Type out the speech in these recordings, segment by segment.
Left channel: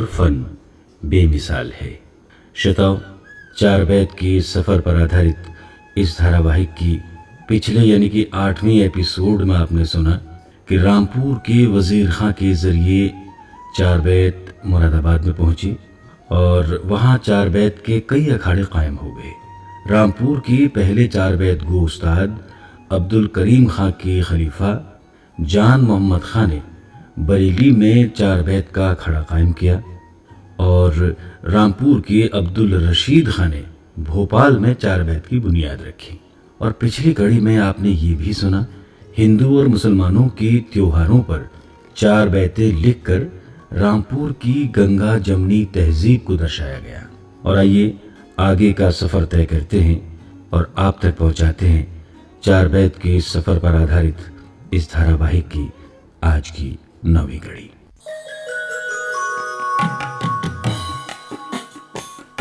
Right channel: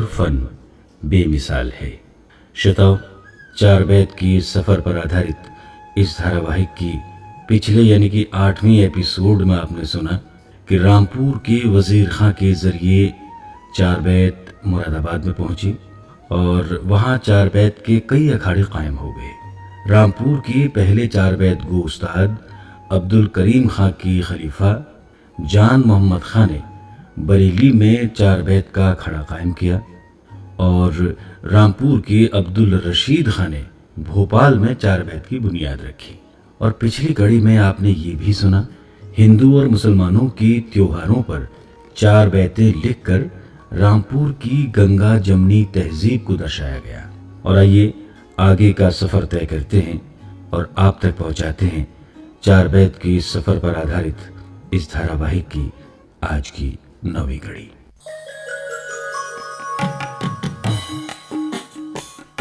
और फन बेमिसाल है। श्रोताओं, चार बैत की सफ़र पर आधारित इस धारावाहिक की पिछले यानी कि 8वीं एपिसोड में आपने सुना कि रामपुर के वज़ीर खां के ज़रिए चार बैत मुरादाबाद में पहुंची और वहां चार बैत के कई अखाड़े कायम हो गए। रामपुर के पहले चार बैत गो उस्ताद अब्दुल करीम खां के खलीफा जान मोहम्मद खां ने बरेली में चार बैत का अखाड़ा कायम किया और रामपुर के अब्दुल रशीद खां ने भोपाल में चार बैत की बुनियाद रखी। और पिछली कड़ी में आपने ये भी सुना हिंदू और मुसलमानों के त्योहारों पर चार बैतें लिखकर रामपुर की गंगा जमनी तहजीब को दर्शाया गया। और आइए आगे का सफ़र तय करते हैं और आप तक पहुंचाते हैं चार बैत के सफ़र पर आधारित इस धारावाहिक की आज की 9वीं कड़ी।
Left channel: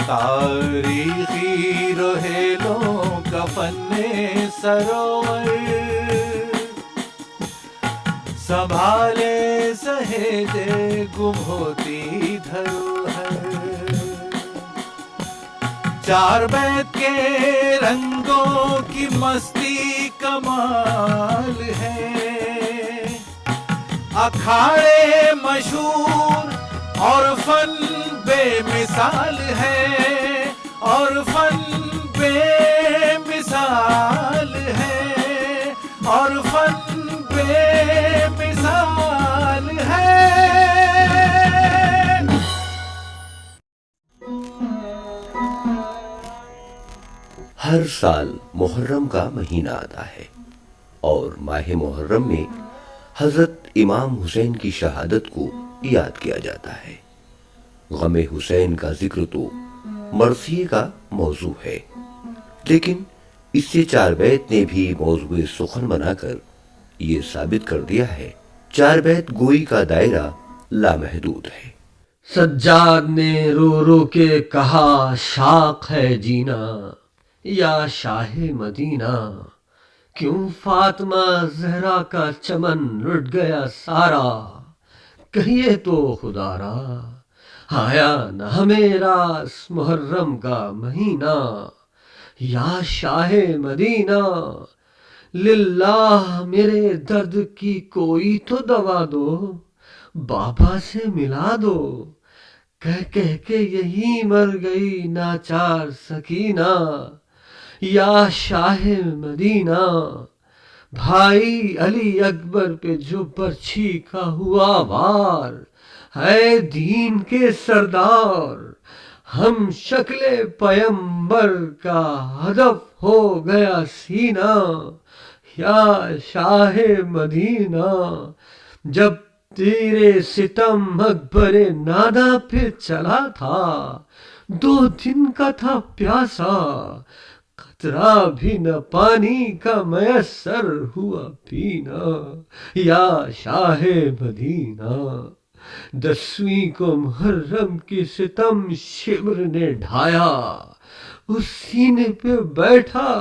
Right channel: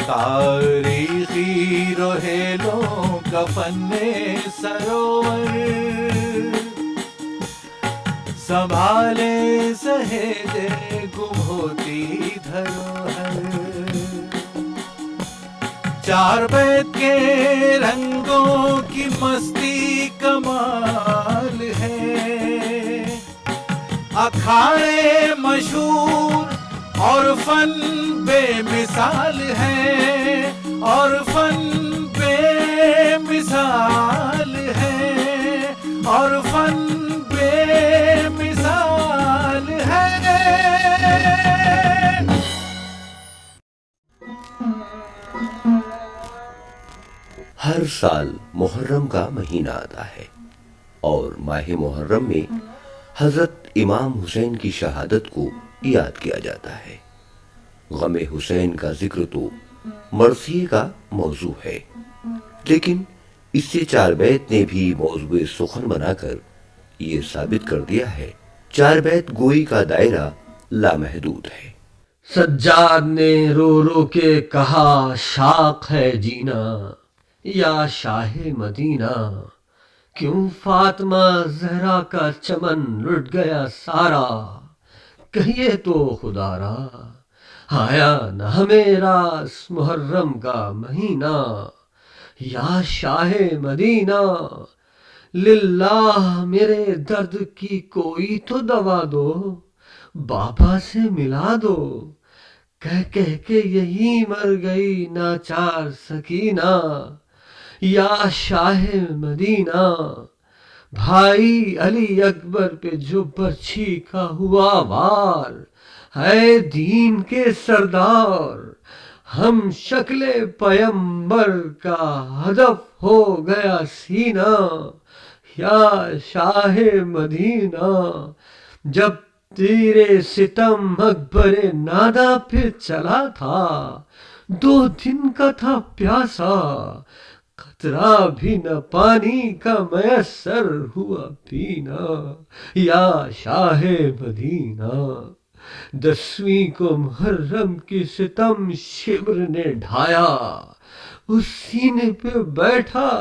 तारीखी रोहेलों का फन्ने सरोवर संभाले सहेजे गुम होती धरोहर। चार बैत के रंगों की मस्ती कमाल है, अखाड़े मशहूर और फन बेमिसाल है, और फन बेमिसाल है, और फन बेमिसाल है। हर साल मुहर्रम का महीना आता है और माह मुहर्रम में हजरत इमाम हुसैन की शहादत को याद किया जाता है। गमे हुसैन का जिक्र तो मरसिये का मौजू है, लेकिन इससे चार बैत ने भी मौजूए सुखन बनाकर ये साबित कर दिया है चार बैत गोई का दायरा लामहदूद है। सज्जाद ने रो रो के कहा शाख है जीना या शाहे मदीना, क्यों फातिमा जहरा का चमन लुट गया सारा, कहिए तो खुदारा आया न हमेरा मुहर्रम का महीना, या शाहे मदीना लिल्लाह मेरे दर्द की कोई तो दवा दो, बाबा से मिला दो, कह कह के यही मर गई नाचार सकीना, या शाहे मदीना भाई अली अकबर पे जो बर्छी का हुआ वार, है दीन के सरदार हम शक्ले पयंबर का हदफ हो गया सीना, या शाहे मदीना जब तेरे सितम अकबरे नादा पे चला था, 2 दिन का था प्यासा, कतरा भी न पानी का मयसर हुआ पीना, या शाहे मदीना 10वीं को मुहर्रम की सितम शिब्र ने ढाया, उस सीने पे बैठा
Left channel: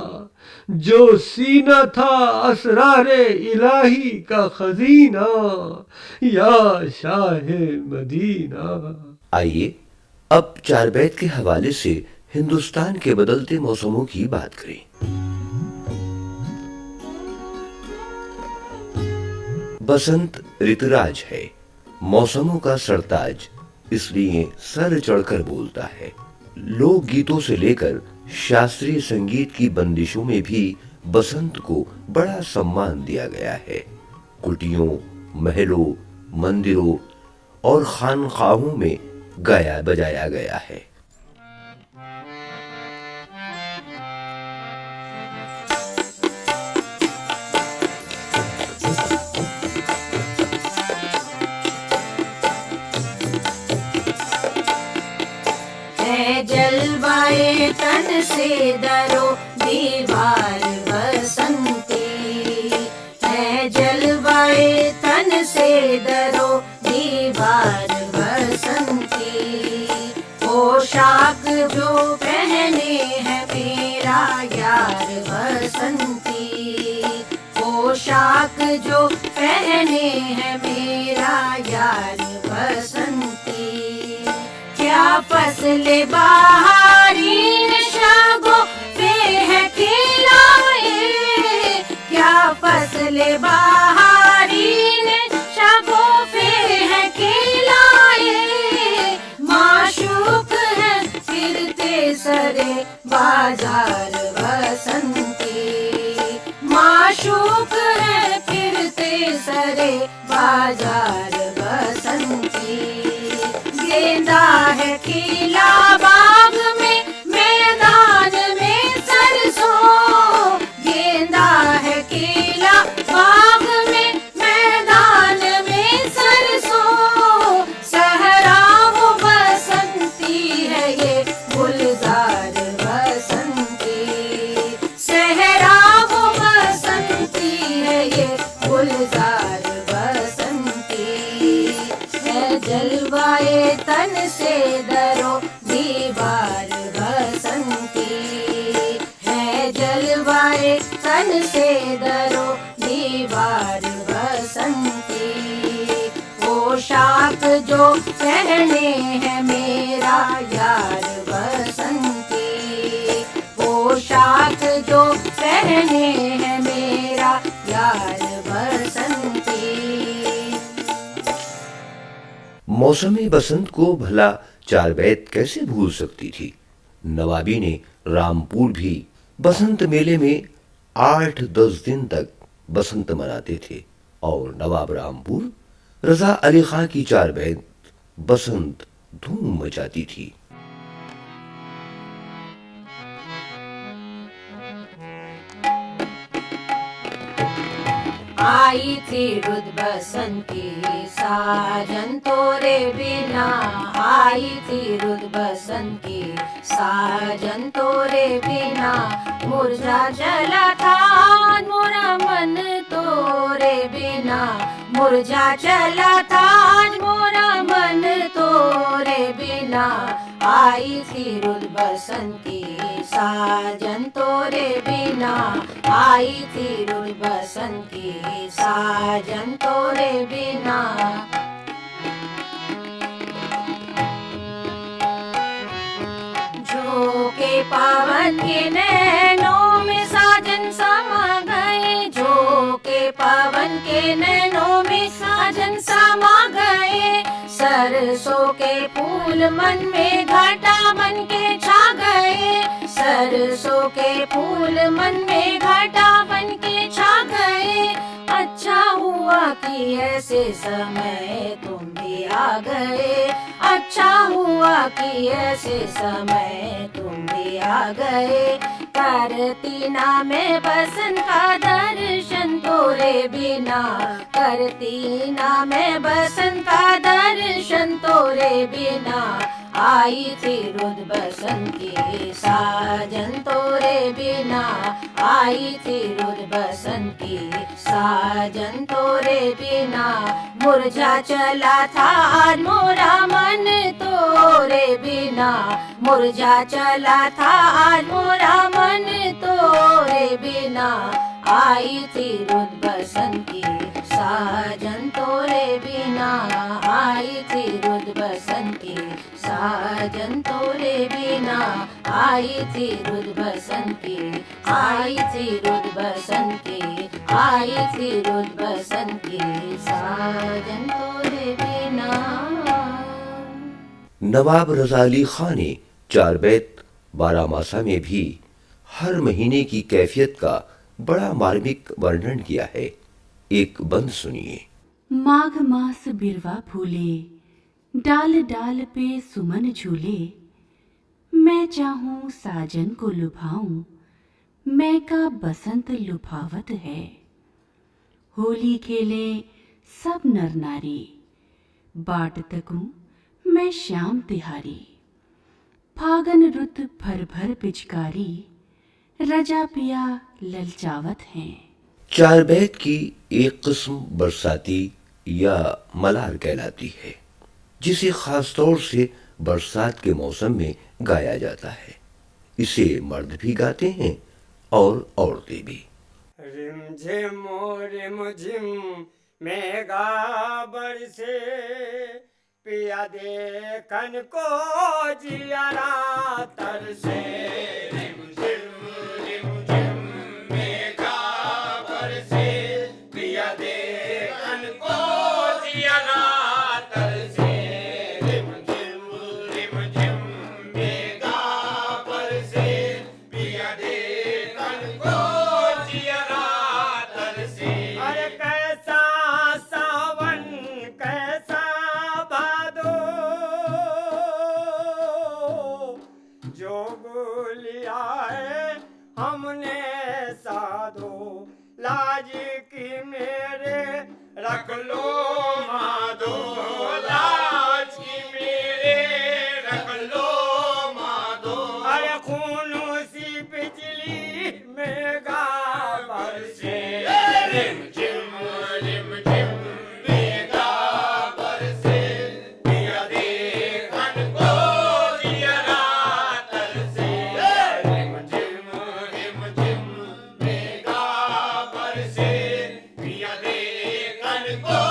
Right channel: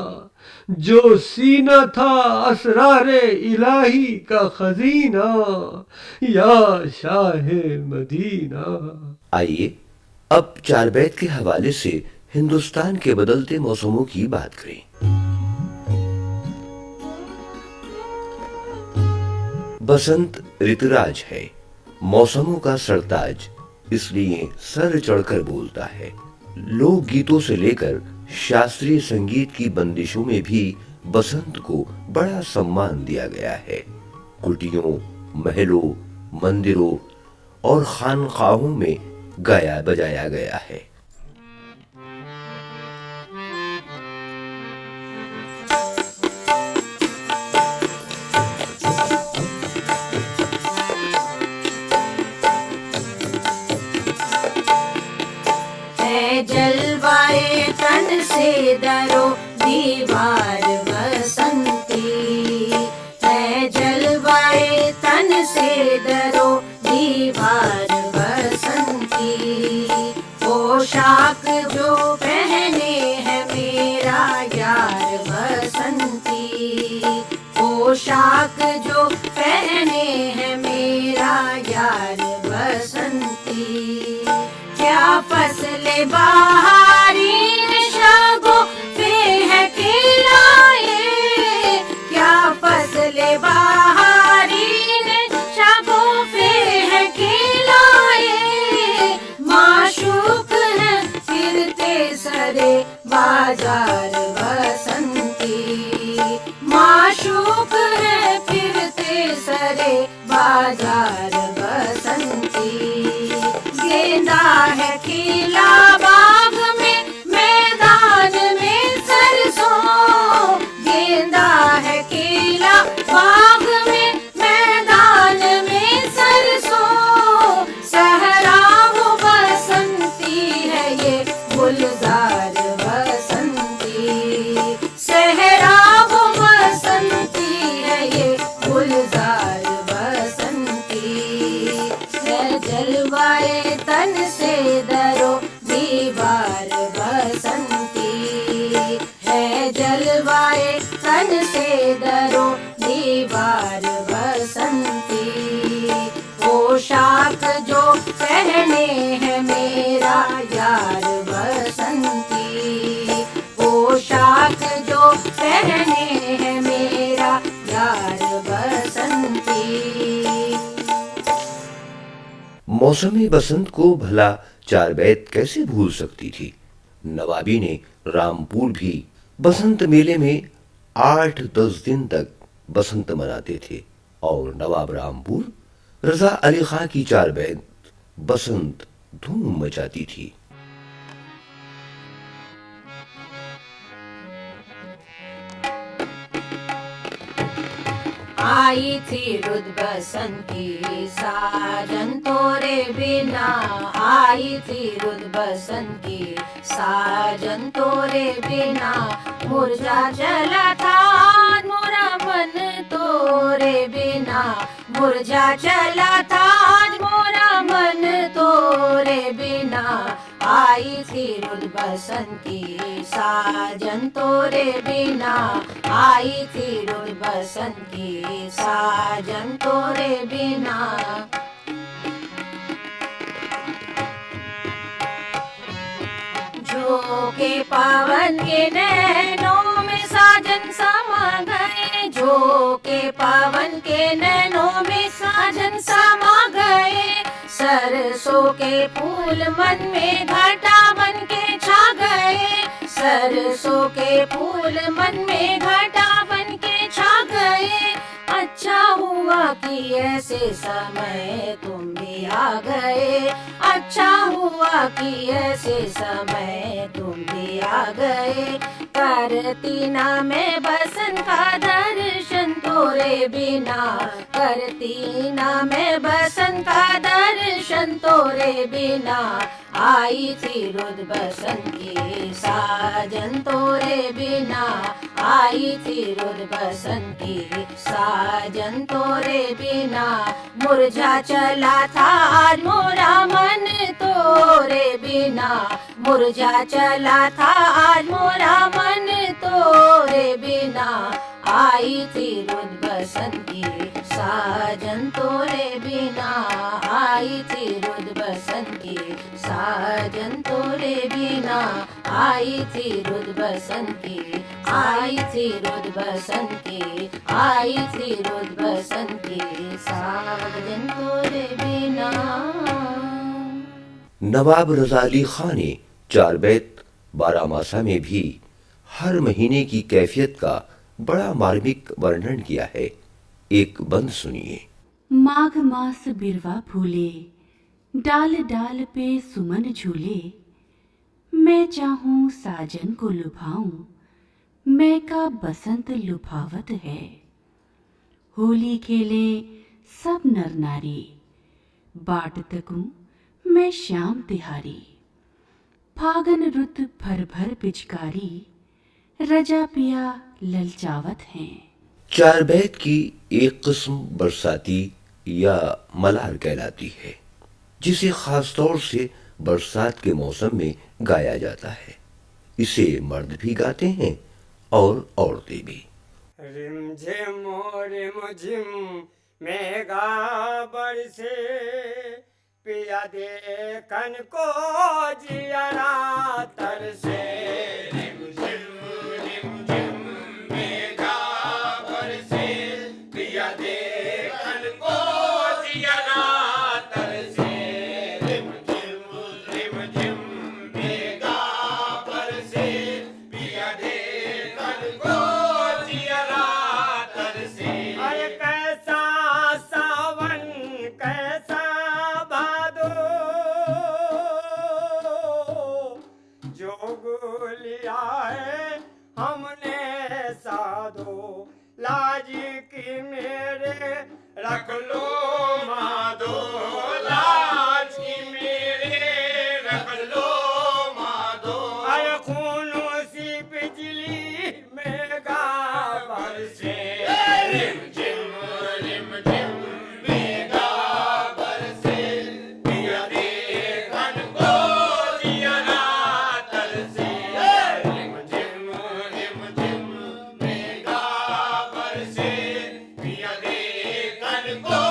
जो सीना था असरारे इलाही का खजीना, या शाहे मदीना। आइए अब चार बैत के हवाले से हिंदुस्तान के बदलते मौसमों की बात करें। बसंत ऋतुराज है, मौसमों का सरताज, इसलिए सर चढ़कर बोलता है। लोक गीतों से लेकर शास्त्रीय संगीत की बंदिशों में भी बसंत को बड़ा सम्मान दिया गया है। कुटियों, महलों, मंदिरों और खानखाहों में गाया बजाया गया है। जलवाए तन से दरो दीवार बसंती, है जलवाए तन से दरो दीवार बसंती, पोशाक जो पहने है मेरा यार बसंती, पोशाक जो पहने है मेरा यार बसंती। फसले बहारी शगुफे हैं खिलाए, क्या फसले बहारी शगुफे हैं खिलाए। माशूक हैं फिरते सरे बाजार बसंती, माशूक हैं फिरते सरे बाजार बसंती। गेंदा है खिला बाग में मैदान में सरसों, गेंदा है खिला बाग में मैदान में सरसों। सहरा वो बसंती है ये गुलजार बसंती, सहरा वो बसंती है ये गुलजार बसंती। है जलवाए तन से दरो दीवार बसंती, है जलवाए तन से दरो दीवार बसंती। पोशाक जो पहने है मेरा यार बसंती, पोशाक जो पहने है मेरा यार बसंती। मौसमी बसंत को भला चार बैत कैसे भूल सकती थी। नवाबी ने रामपुर भी बसंत मेले में 8-10 दिन तक बसंत मनाते थे और नवाब रामपुर रजा अली खां की चार बैत बसंत धूम मचाती थी। आई थी रुद बसंती साजन तोरे बिना, आई थी रुद बसंती साजन तोरे बिना। मुरझा चला था मोरा मन तोरे बिना, मुरझा चला था मोरा मन तोरे बिना। आई थी रुद बसंती साजन तोरे बिना, आई थी रुद बसंती साजन तोरे बिना। झोंके पावन के नैनों में साजन समा गए, झोंके पावन के नैनों में साजन समा गए। सरसों के फूल मन में घटा बन के छा गए, सरसों के फूल मन में घटा बन के छा गए। अच्छा हुआ कि ऐसे समय तुम भी आ गए, अच्छा हुआ कि ऐसे समय तुम भी आ गए। करती ना मैं बसंत का दर्शन तोरे बिना, करती ना मैं बसंत का दर्शन तोरे बिना। आई थी रुद बसंती साजन तोरे बिना, आई थी रुद बसंती साजन तोरे बिना। मुरझा चला था आज मोरा मन तोरे बिना, मुरझा चला था आज मोरा मन तोरे बिना। आई थी रुद बसंती साजन तोरे बिना, आई थी रुद बसंती साजन तोरे बिना। आई थी रुद बसंती, आई थी रुद बसंती, आई थी रुद बसंती साजन तोरे बिना। नवाब रजा अली खां ने चार बैत बारामासा में भी हर महीने की कैफियत का बड़ा मार्मिक वर्णन किया है। एक बंद सुनिए। माघ मास बिरवा फूले, डाल डाल पे सुमन झूले। मैं चाहूं साजन को लुभाऊं, मैं का बसंत लुभावत है। होली खेले सब नर नारी, बाट तकूं मैं श्याम तिहारी। फागन रुत भर भर पिचकारी, रजा पिया ललचावत हैं। चार बैत की एक किस्म बरसाती या मलार कहलाती है, जिसे खास तौर से बरसात के मौसम में गाया जाता है। इसे मर्द भी गाते हैं और औरतें भी। रिमझिम रिमझिम मेघा बरसे, पिया देखन को जियरा तरसे रिम झिम मेघा बरसे पिया देखन को जियरा तरसे रिम झिम मेघा बरसे पिया देखन को जियरा तरसे। अरे कैसा सावन कैसा भादो जोग लिया है हमने साधो लाज की मेरे रख लो माधो लाज की मेरे रख लो माधो। अरे खून सी बिजली मेघा बरसे रिम झिम मेघा बरसे पिया देखन को जियरा तरसे रिम झिम मेघा बरसे पिया देखन को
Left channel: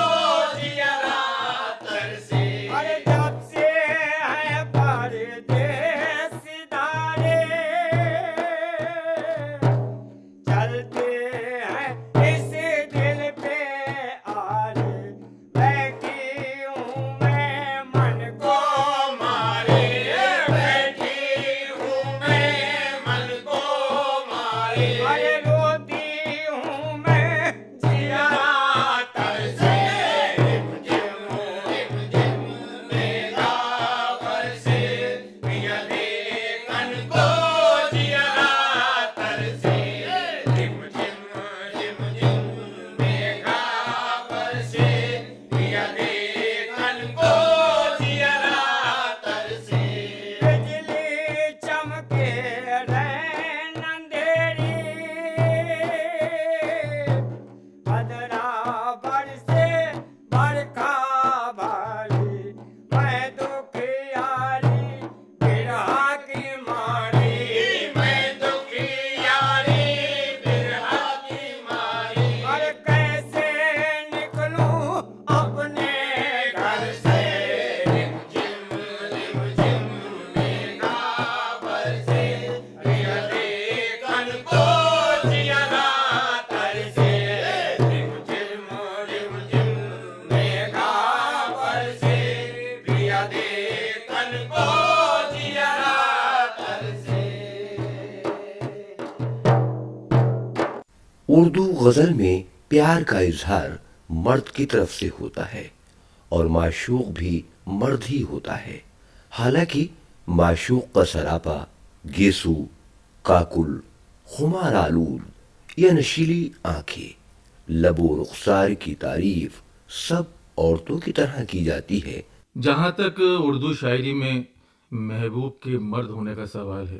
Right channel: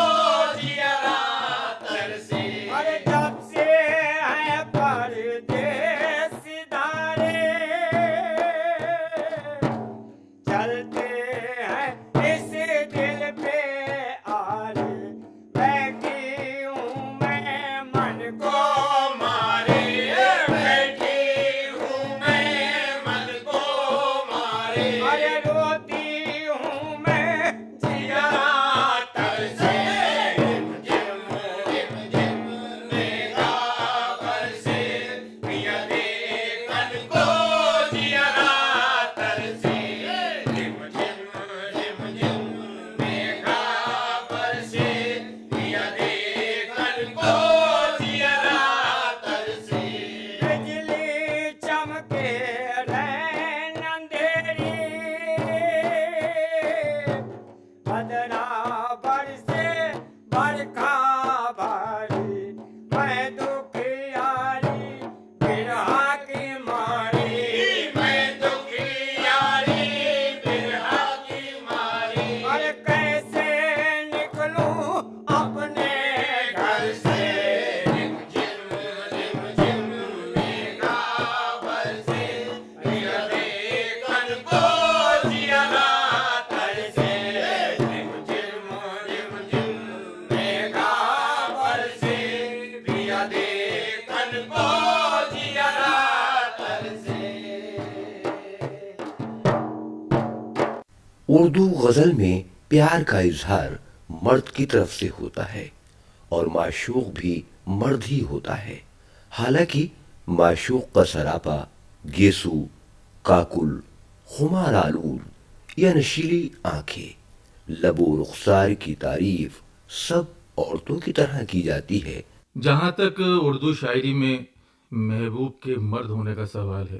जियरा तरसे। अरे जब से है परदेस धारे चलते हैं इस दिल पे आरे बैठी हूँ मैं मन को मारे बैठी हूँ मैं मन को मारे। अरे रोती हूँ मैं जियरा तरसे रिम झिम मेघा बरसे पिया देखन को जियरा तरसे रिम झिम मेघा बरसे पिया देखन को जियरा तरसे। बिजली चमके रैन अंधेरी बदरा बरसे बरखा भारी मैं दुखियारी बिरहा की मारी मैं दुखियारी बिरहा की मारी। अरे कैसे निकलूं अपने घर से रिम झिम मेघा बरसे पिया देखन को जियरा तरसे रिम झिम मेघा बरसे पिया देखन को जियरा तरसे। उर्दू गजल में प्यार का इजहार मर्द की तरफ से होता है और माशूक भी मर्द ही होता है। हालांकि माशूक का सरापा गेसू काकुल खुमार आलूद या नशीली आंखें लबो रुखसार की तारीफ सब औरतों की तरह की जाती है। जहाँ तक उर्दू शायरी में महबूब के मर्द होने का सवाल है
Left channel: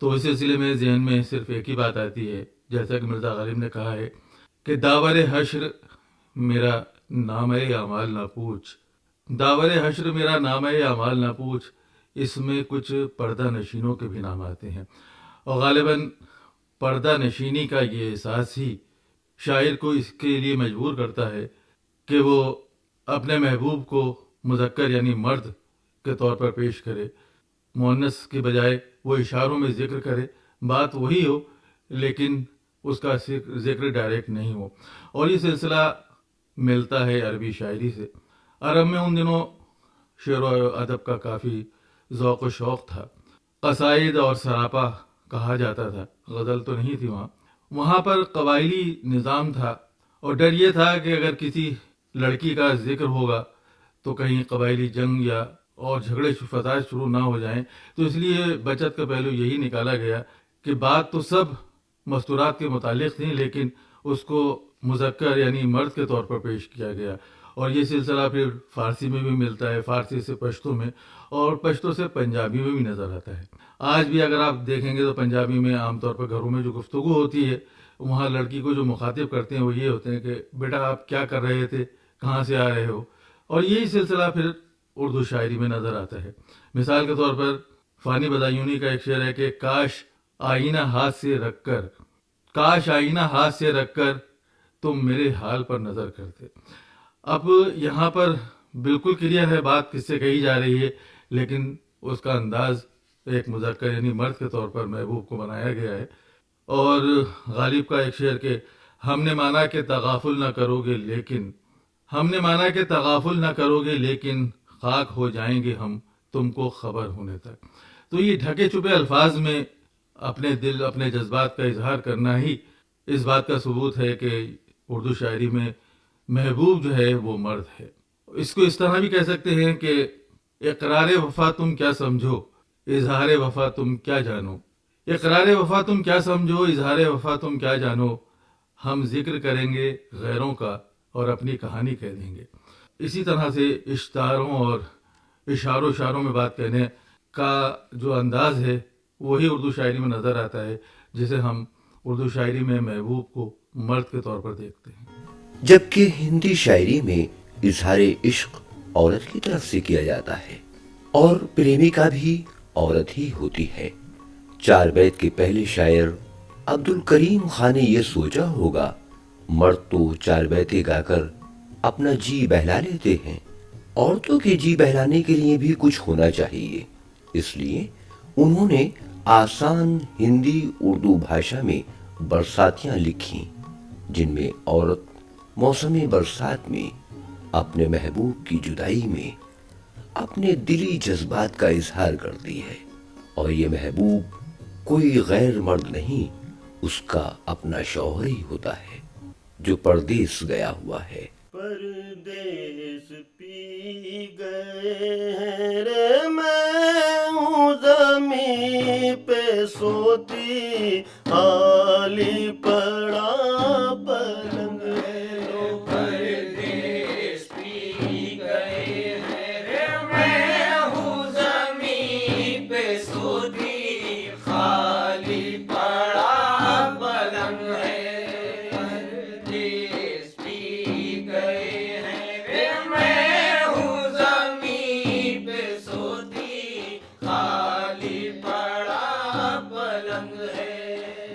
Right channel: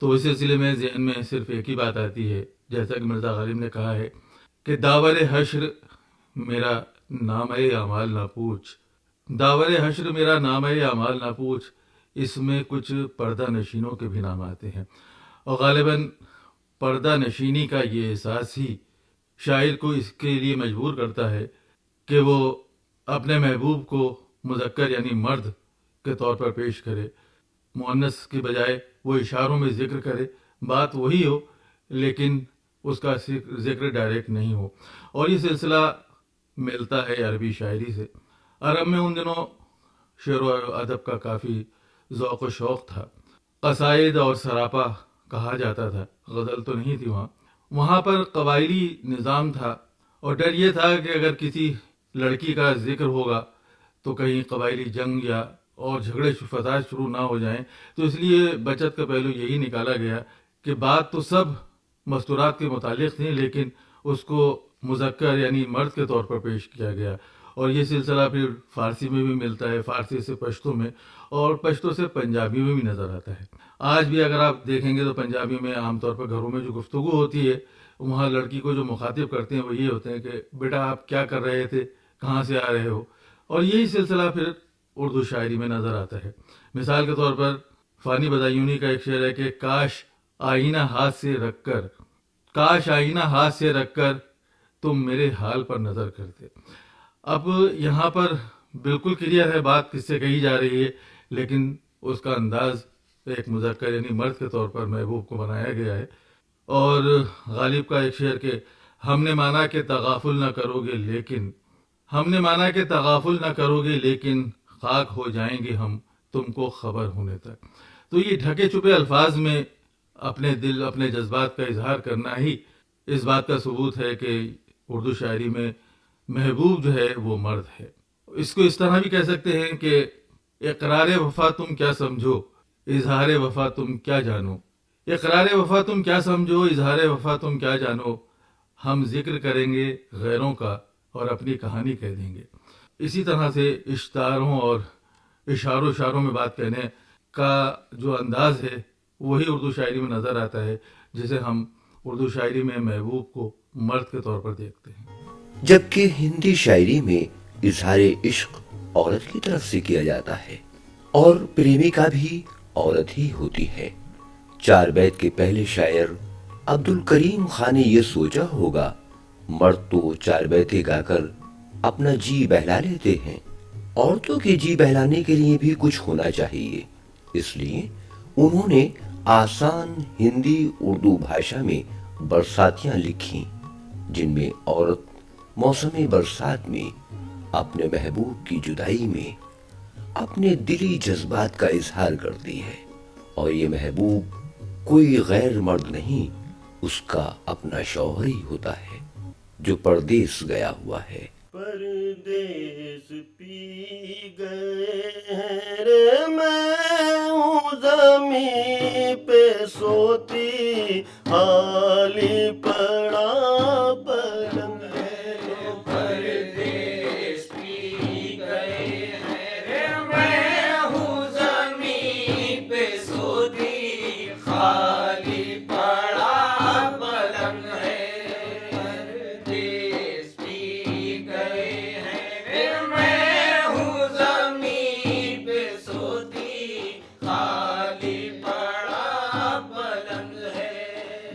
तो इस सिलसिले में जहन में सिर्फ एक ही बात आती है, जैसा कि मिर्ज़ा गालिब ने कहा है कि दावर हश्र मेरा नाम अमाल ना पूछ, दावर हश्र मेरा नाम अमाल ना पूछ, इसमें कुछ पर्दा नशीनों के भी नाम आते हैं और गालिबन पर्दा नशीनी का ये एहसास ही शायर को इसके लिए मजबूर करता है कि वो अपने महबूब को मुज़क्कर यानी मर्द के तौर पर पेश करे, मुअन्नस के बजाय वो इशारों में ज़िक्र करे, बात वही हो लेकिन उसका ज़िक्र डायरेक्ट नहीं हो। और ये सिलसिला मिलता है अरबी शायरी से। अरब में उन दिनों शेर व अदब का काफ़ी ज़ौक़ व शौक़ था। कसाइद और सरापा कहा जाता था, गज़ल तो नहीं थी वहाँ पर कबायली निज़ाम था और डर ये था कि अगर किसी लड़की का जिक्र होगा तो कहीं कबायली जंग या और झगड़े फसाद शुरू ना हो जाएं, तो इसलिए बचत का पहलू यही निकाला गया कि बात तो सब मस्तूरात के मुतालिक थी लेकिन उसको मुज़क्कर यानी मर्द के तौर पर पेश किया गया। और ये सिलसिला फिर फ़ारसी में भी मिलता है, फ़ारसी से पश्तो में और पश्तो से पंजाबी में भी नज़र आता है। आज भी अगर आप देखेंगे तो पंजाबी में आमतौर पर घरों में जो गुफ्तगू होती है वहाँ लड़की को जो मुखातिब करते हैं वो ये होते हैं कि बेटा आप क्या कर रहे थे, कहाँ से आ रहे हो। और यही सिलसिला फिर उर्दू शायरी में नज़र आता है। मिसाल के तौर पर फ़ानी बदायूनी का एक शेर है कि काश आईना हाथ से रख कर, काश आईना हाथ से रख कर तुम मेरे हाल पर नज़र करते। अब यहाँ पर बिल्कुल क्लियर है बात किससे कही जा रही है, लेकिन उसका अंदाज एक मुज़क्कर यानी मर्द के तौर पर महबूब को बनाया गया है। और गालिब का एक शेर के हमने माना कि तगाफुल न करोगे लेकिन, हमने माना कि तगाफुल न करोगे लेकिन खाक हो जाएंगे हम तुमको खबर होने तक। तो ये ढके छुपे अल्फाज में अपने दिल अपने जज्बात का इजहार करना ही इस बात का सबूत है कि उर्दू शायरी में महबूब जो है वो मर्द है। इसको इस तरह भी कह सकते हैं कि इकरार वफा तुम क्या समझो, इजहार वफा तुम क्या जानो। इकरार वफा तुम क्या समझो, इजहार वफा तुम क्या जानो। हम जिक्र करेंगे गैरों का और अपनी कहानी कह देंगे। इसी तरह से इश्तारों और इशारों में बात कहने का जो अंदाज़ है वही उर्दू शायरी में नज़र आता है, जिसे हम उर्दू शायरी में महबूब को मर्द के तौर पर देखते हैं। जबकि हिंदी शायरी में इजहार इश्क औरत की तरफ से किया जाता है और प्रेमिका भी औरत ही होती है। 4 बैत के पहले शायर अब्दुल करीम खान ने यह सोचा होगा, मर्द तो 4 बैतें गाकर अपना जी बहला लेते हैं, औरतों के जी बहलाने के लिए भी कुछ होना चाहिए। इसलिए उन्होंने आसान हिंदी उर्दू भाषा में बरसातियां लिखी, जिनमें औरत मौसम बरसात में अपने महबूब की जुदाई में अपने दिली जज्बात का इजहार करती है। और ये महबूब कोई गैर मर्द नहीं, उसका अपना शौहर ही होता है जो परदेस गया हुआ है। परदेस पी गए हैं रे, मैं हूँ ज़मीं पे सोती, खाली पड़ा पलंग है। लो परदेस पी गए हैं रे, मैं हूँ ज़मीं पे सोती, खाली पड़ा पलंग है। परदेस पी गए हैं रे, मैं हूँ ज़मीं पे सोती, खाली पड़ा पलंग है।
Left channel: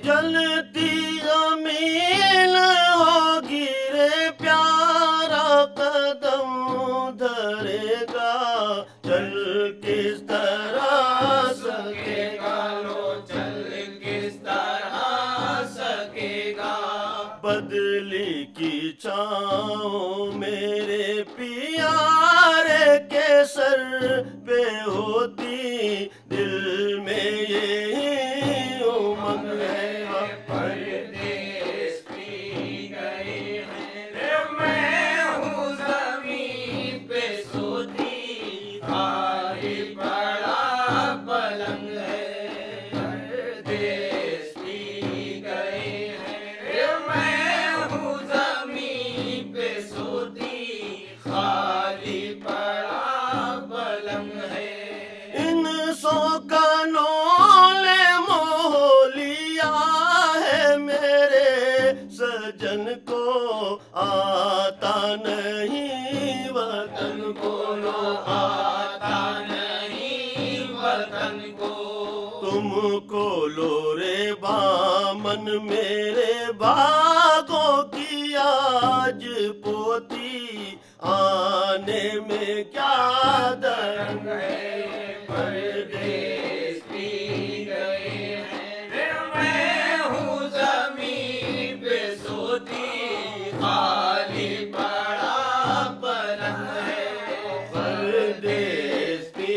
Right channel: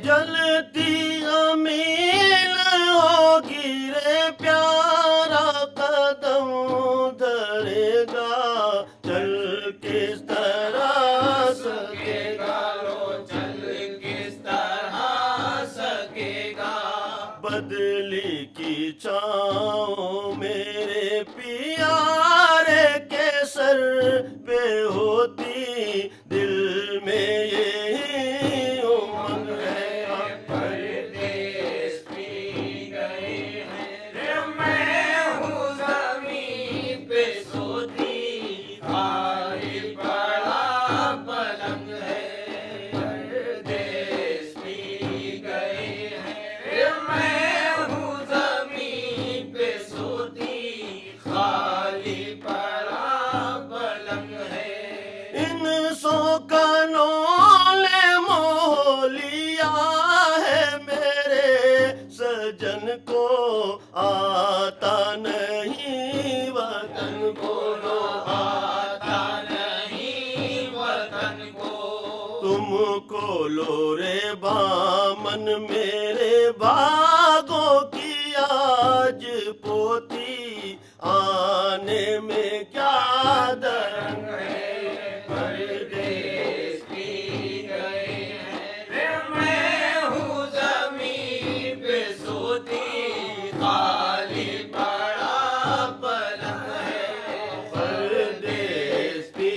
जलती ज़मीन होगी रे, प्यारा कदम धरेगा, चल किस तरह सकेगा, लो चल किस तरह सकेगा। बदली की छाँव मेरे प्यारे के सर पे होती, दिल में यही उमंग है। परदेस पी गए हैं रे, मैं हूँ ज़मीं पे सोती, खाली पड़ा पलंग है। परदेस पी गए हैं रे, मैं हूँ ज़मीं पे सोती, खाली पड़ा पलंग है। इन शौकनों ने मोह लिया है मेरे सजन को, आता नहीं वतन को, लो आता नहीं वतन को। तुम खोलो रे बामन मेरे भागों की आज पोती, आने में क्या दंग है। परदेस पी गए हैं रे, मैं हूँ ज़मीं पे सोती, खाली पड़ा पलंग है। परदेस पी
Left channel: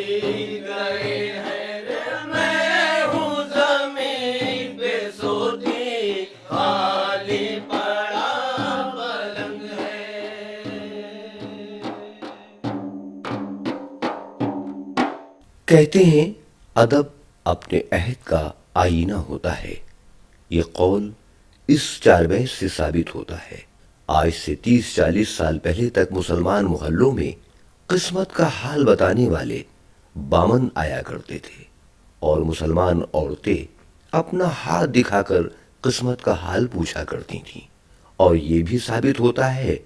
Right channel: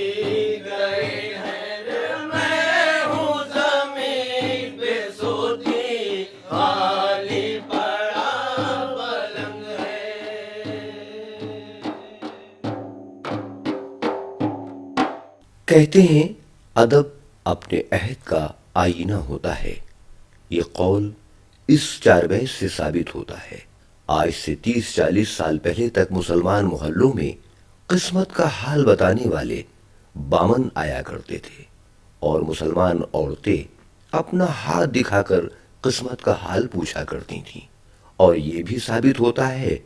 गए हैं रे, मैं हूँ ज़मीं पे सोती, खाली पड़ा पलंग है। कहते हैं अदब अपने अहद का आईना होता है। ये कौल इस 4 बैत से साबित होता है। आज से 30-40 साल पहले तक मुसलमान मोहल्लों में किस्मत का हाल बताने वाले बामन आया करते थे और मुसलमान औरतें अपना हाथ दिखाकर किस्मत का हाल पूछा करती थीं। और ये भी साबित होता है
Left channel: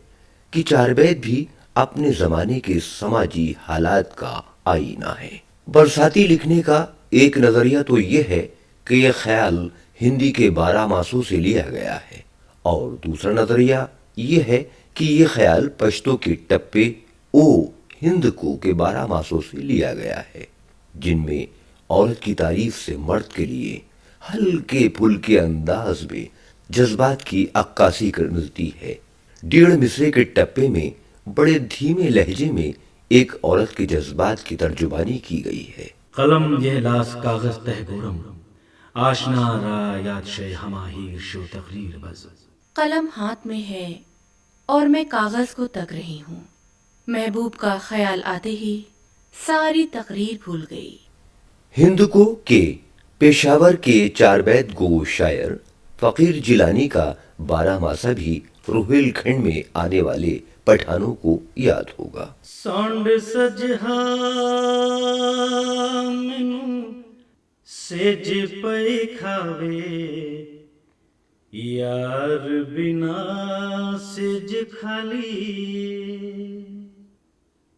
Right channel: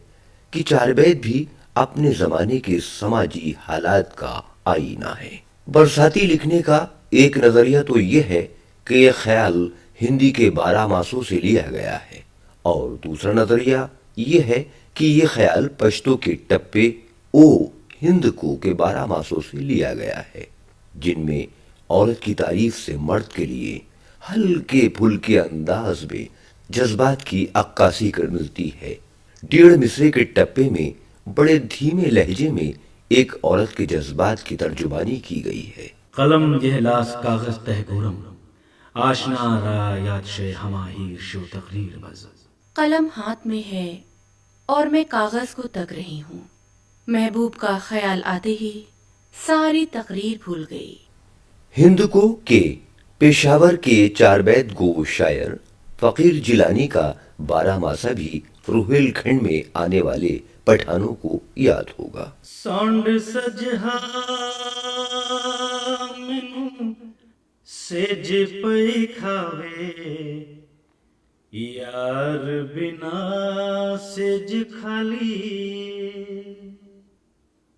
कि 4 बैत भी अपने ज़माने के समाजी हालात का आईना है। बरसाती लिखने का एक नज़रिया तो यह है कि यह ख्याल हिंदी के 12 मासों से लिया गया है, और दूसरा नज़रिया यह है कि यह ख्याल पश्तो के टप्पे ओ हिंद को के 12 मासों से लिया गया है, जिनमें औरत की तारीफ से मर्द के लिए हल्के फुल्के अंदाज में जज्बात की अक्कासी कर मिलती है। 1.5 मिसरे के टप्पे में बड़े धीमे लहजे में एक औरत के जज्बात की तर्जुमानी की गई है। कलम यह लास कागज तह गोरम, आशना रा याद शे हमाहीर शो तकरीर बज। कलम हाथ में है और मैं कागज को तक रही हूँ। महबूब का ख्याल आते ही सारी तकरीर भूल गई। हिंद को के पेशावर के 4 बैत गो शायर फकीर जिलानी का 12 मासा भी रुहेलखंड में आने वाले पठानों को याद होगा। सौंड सजहा मैनू सेज पई खावे, यार बिना सेज खाली,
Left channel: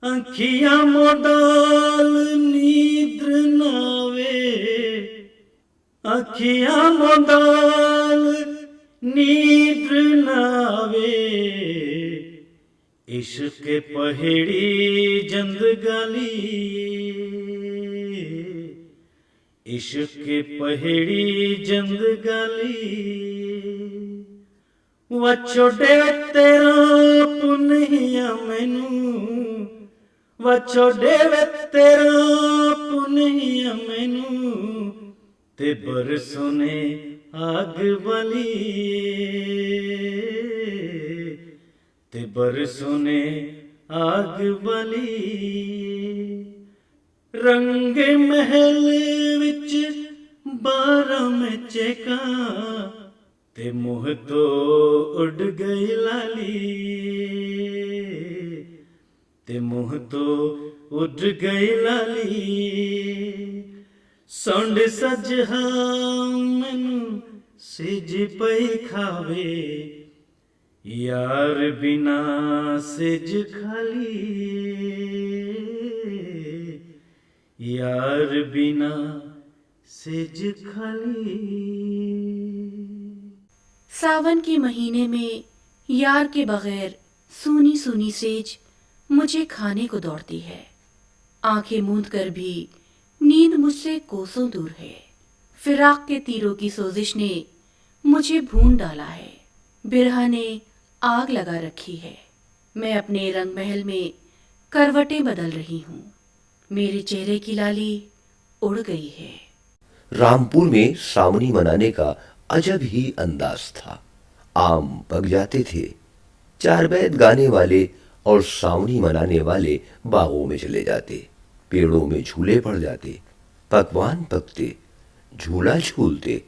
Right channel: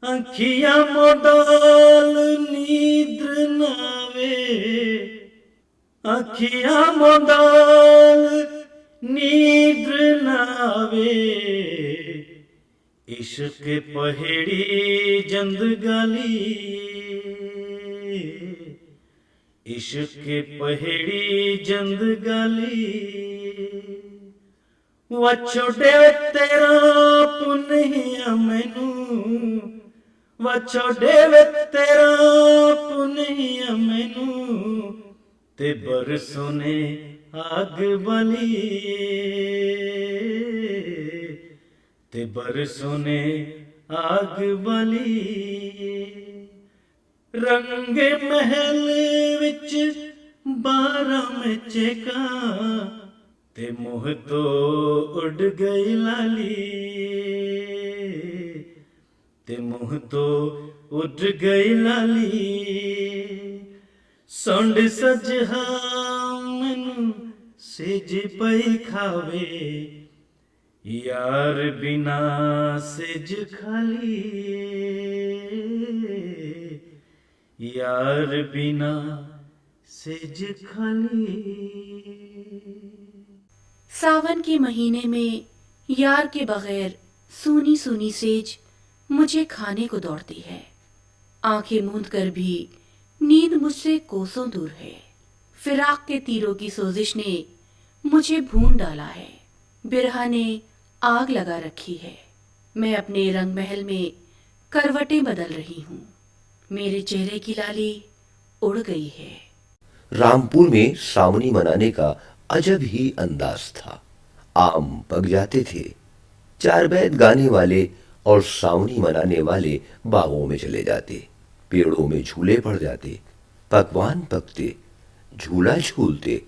अखियां मोडाल नींद्र नावे, अखियां मोडाल नींद्र नावे, इश्क पहेड़ी जंद गाली, इश्क पहेड़ी जंद गाली, वछोड़े तेरा पुन्हिया मैनू, वछोड़े तेरा पुन्हिया मैनू, ते बरसों ने आग बली, ते बरसों ने आग बली, रंग महल विच 12 में चेका, ते मुँह तो उड़ गई लाली, ते मुँह तो उड़ गई लाली, सौंड सजहा मैनू सेज पई खावे, यार बिना सेज खाली, यार बिना सेज खाली। सावन के महीने में यार के बगैर सूनी सूनी सेज मुझे खाने को दौड़ती है। आंखें मूंद कर भी नींद मुझसे कोसों दूर है। फिराक के तीरों की सोजिश ने मुझे भून डाला है। बिरहा ने आग लगा रखी है। मैं अपने रंग महल में करवटें बदल रही हूँ। मेरे चेहरे की लाली उड़ गई है। रामपुर में सावनी मनाने का अजब ही अंदाज था। आम पक जाते थे। 4 बैत गाने वाले और सावनी मनाने वाले बागों में चले जाते। पेड़ों में झूले पड़ जाते। पकवान पकते, झूला झूलते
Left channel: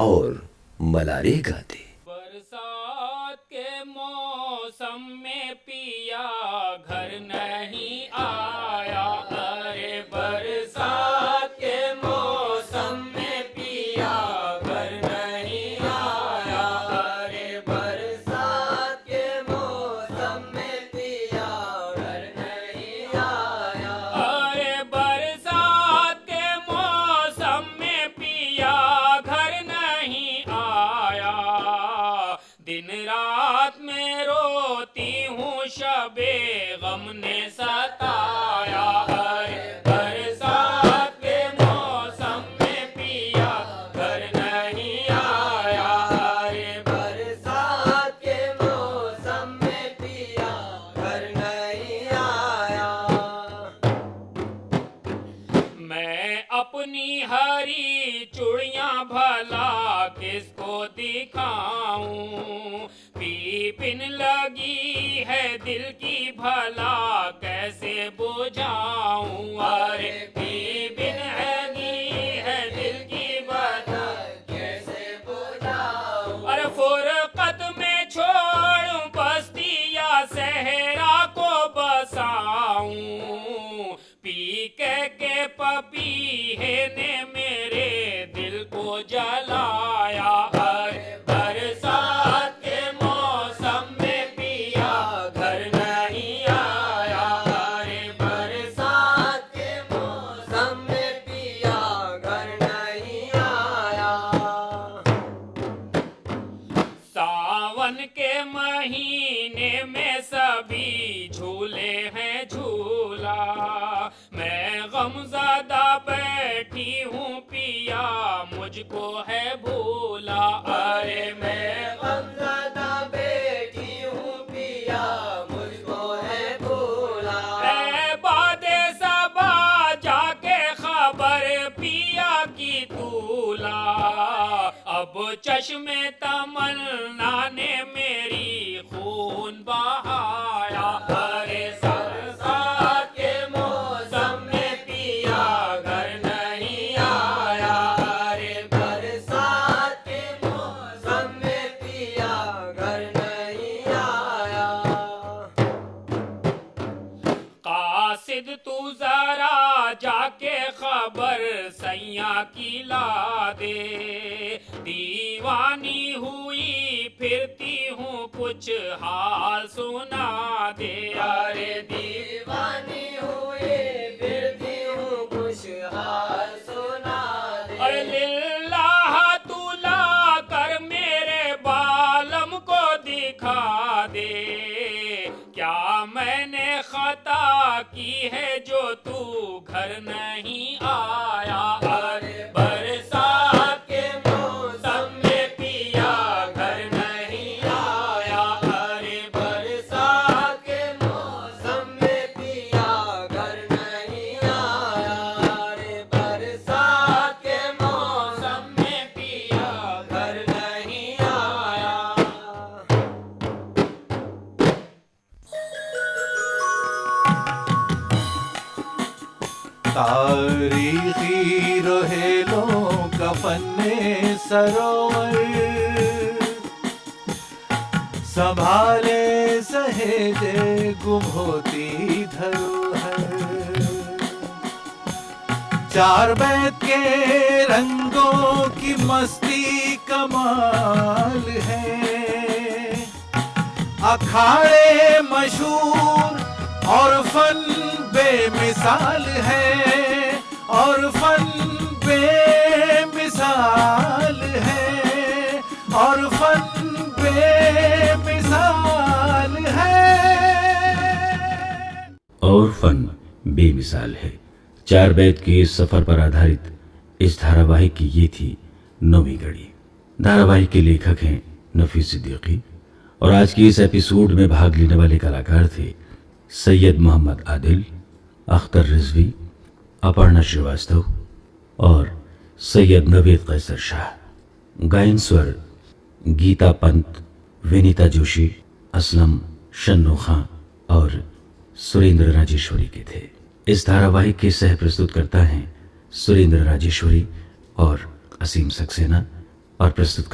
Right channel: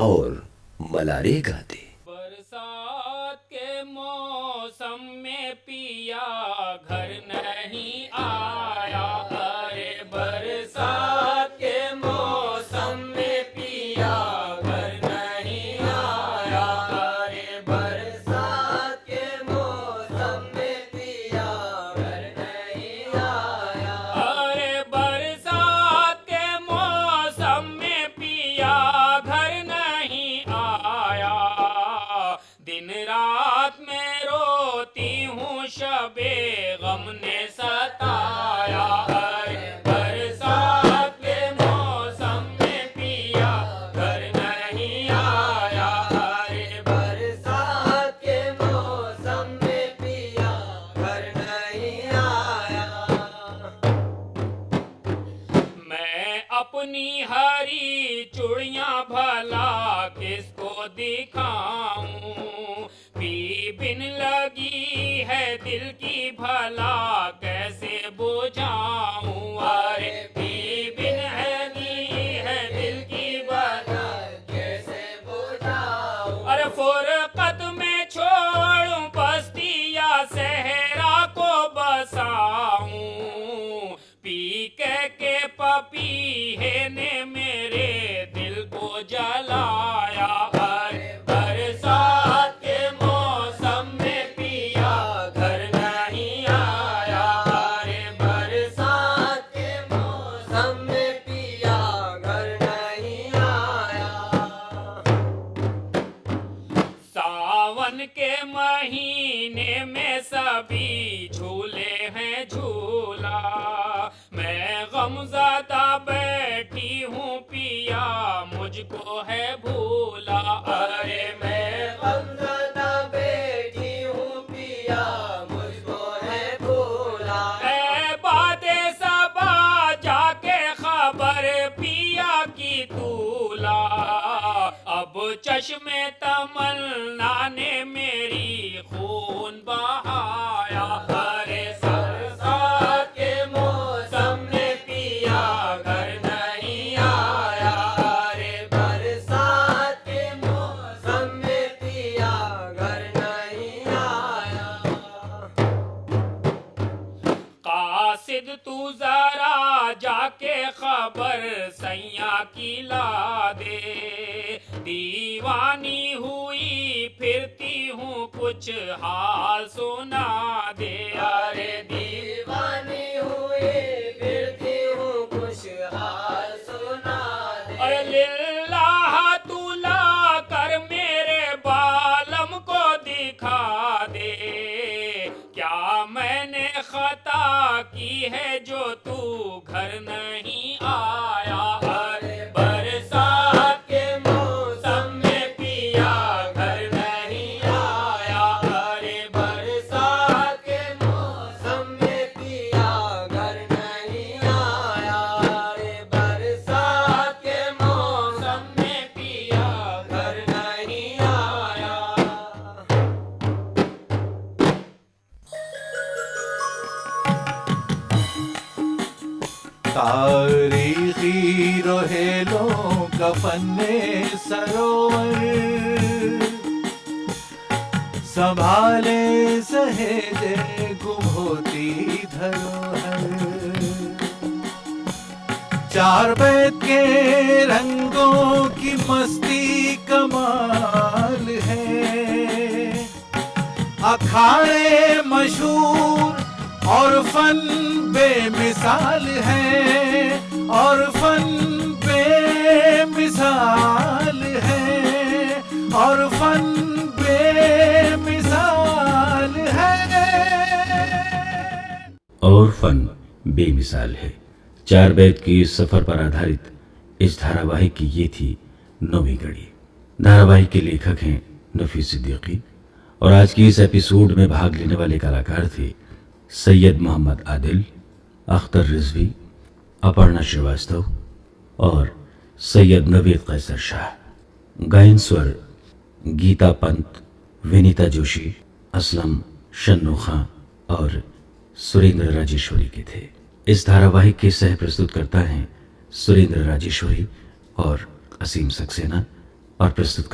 और मलारे गाते। बरसात के मौसम में पिया घर नहीं आया, अरे बरसात के मौसम में पिया घर नहीं आया, अरे बरसात के मौसम में पिया घर नहीं आया, अरे बरसात के मौसम में पिया घर नहीं आया। दिन रात में रोती हूँ शबे गम ने सताया, अरे बरसात के मौसम में पिया घर नहीं आया, अरे बरसात के मौसम में पिया घर नहीं आया। मैं अपनी हरी चूड़ियां भला किसको दिखाऊं, पी बिन लगी है दिल की भला कैसे बुझाऊं, अरे पी बिन है दिल की भला कैसे बुझाऊं, अरे फुरकत में छोड़ूं बस्ती या सहरा को बसाऊं, पी के पपीहे ने मेरे दिल को जलाया, अरे बरसात के मौसम में पिया घर नहीं आया, अरे बरसात के मौसम में पिया घर नहीं आया। सावन के महीने में सभी झूले हैं झूले, बैठी हूँ पिया मुझको है भूला। अरे मैं गमज़दा बैठी हूँ पिया मुझको है भूला। ए बादे सबा जाके खबर पिया की तूला। अब चश्मे तमन्ना ने मेरी खून बहाया। अरे बरसात के मौसम में पिया घर नहीं आया। अरे बरसात के मौसम में पिया घर नहीं आया। कासिद तू जरा जाके खबर सैया की ला दे। दीवानी हुई फिरती हूँ कुछ हाल सुना दे। अरे दीवानी हुई फिरती हूँ कुछ हाल सुना दे। अरे लिल्लाह तुला कर मेरे बालम को दिखा दे। क्या मैंने खता की है जो तू घर नहीं आया। अरे बरसात के मौसम में पिया घर नहीं आया। अरे बरसात के मौसम में पिया घर नहीं आया। रे बरसात के मौसम में पिया घर नहीं आया। तारीखी रोहेलों का फन्ने सरोवर संभाले सहेजे गुम होती धरोहर। चार बैत के रंगों की मस्ती कमाल है। अखाड़े मशहूर और फन बेमिसाल है। और फन बेमिसाल है। और फन बेमिसाल है। और फन बेमिसाल है। चार बैत के इस सफर पर आधारित इस धारावाहिक की ये थी 9वीं कड़ी। धारावाहिक के लेखक हैं नफीस सिद्दीकी और आज की इस एपिसोड में भाग लेने वाले कलाकार थे सैयद मोहम्मद आदिल, अख्तर रिजवी, अपर्णा श्रीवास्तव और सैयद नवेद कैसर शाह। गायन स्वर गीता पंत, विनीता जोशी, असलम शन्नू खां और सुरेंद्र राजेश्वरी के थे। इस धारावाहिक के सह प्रस्तुतकर्ता हैं सुरेंद्र राजेश्वरी और असीम सक्सेना और प्रस्तुत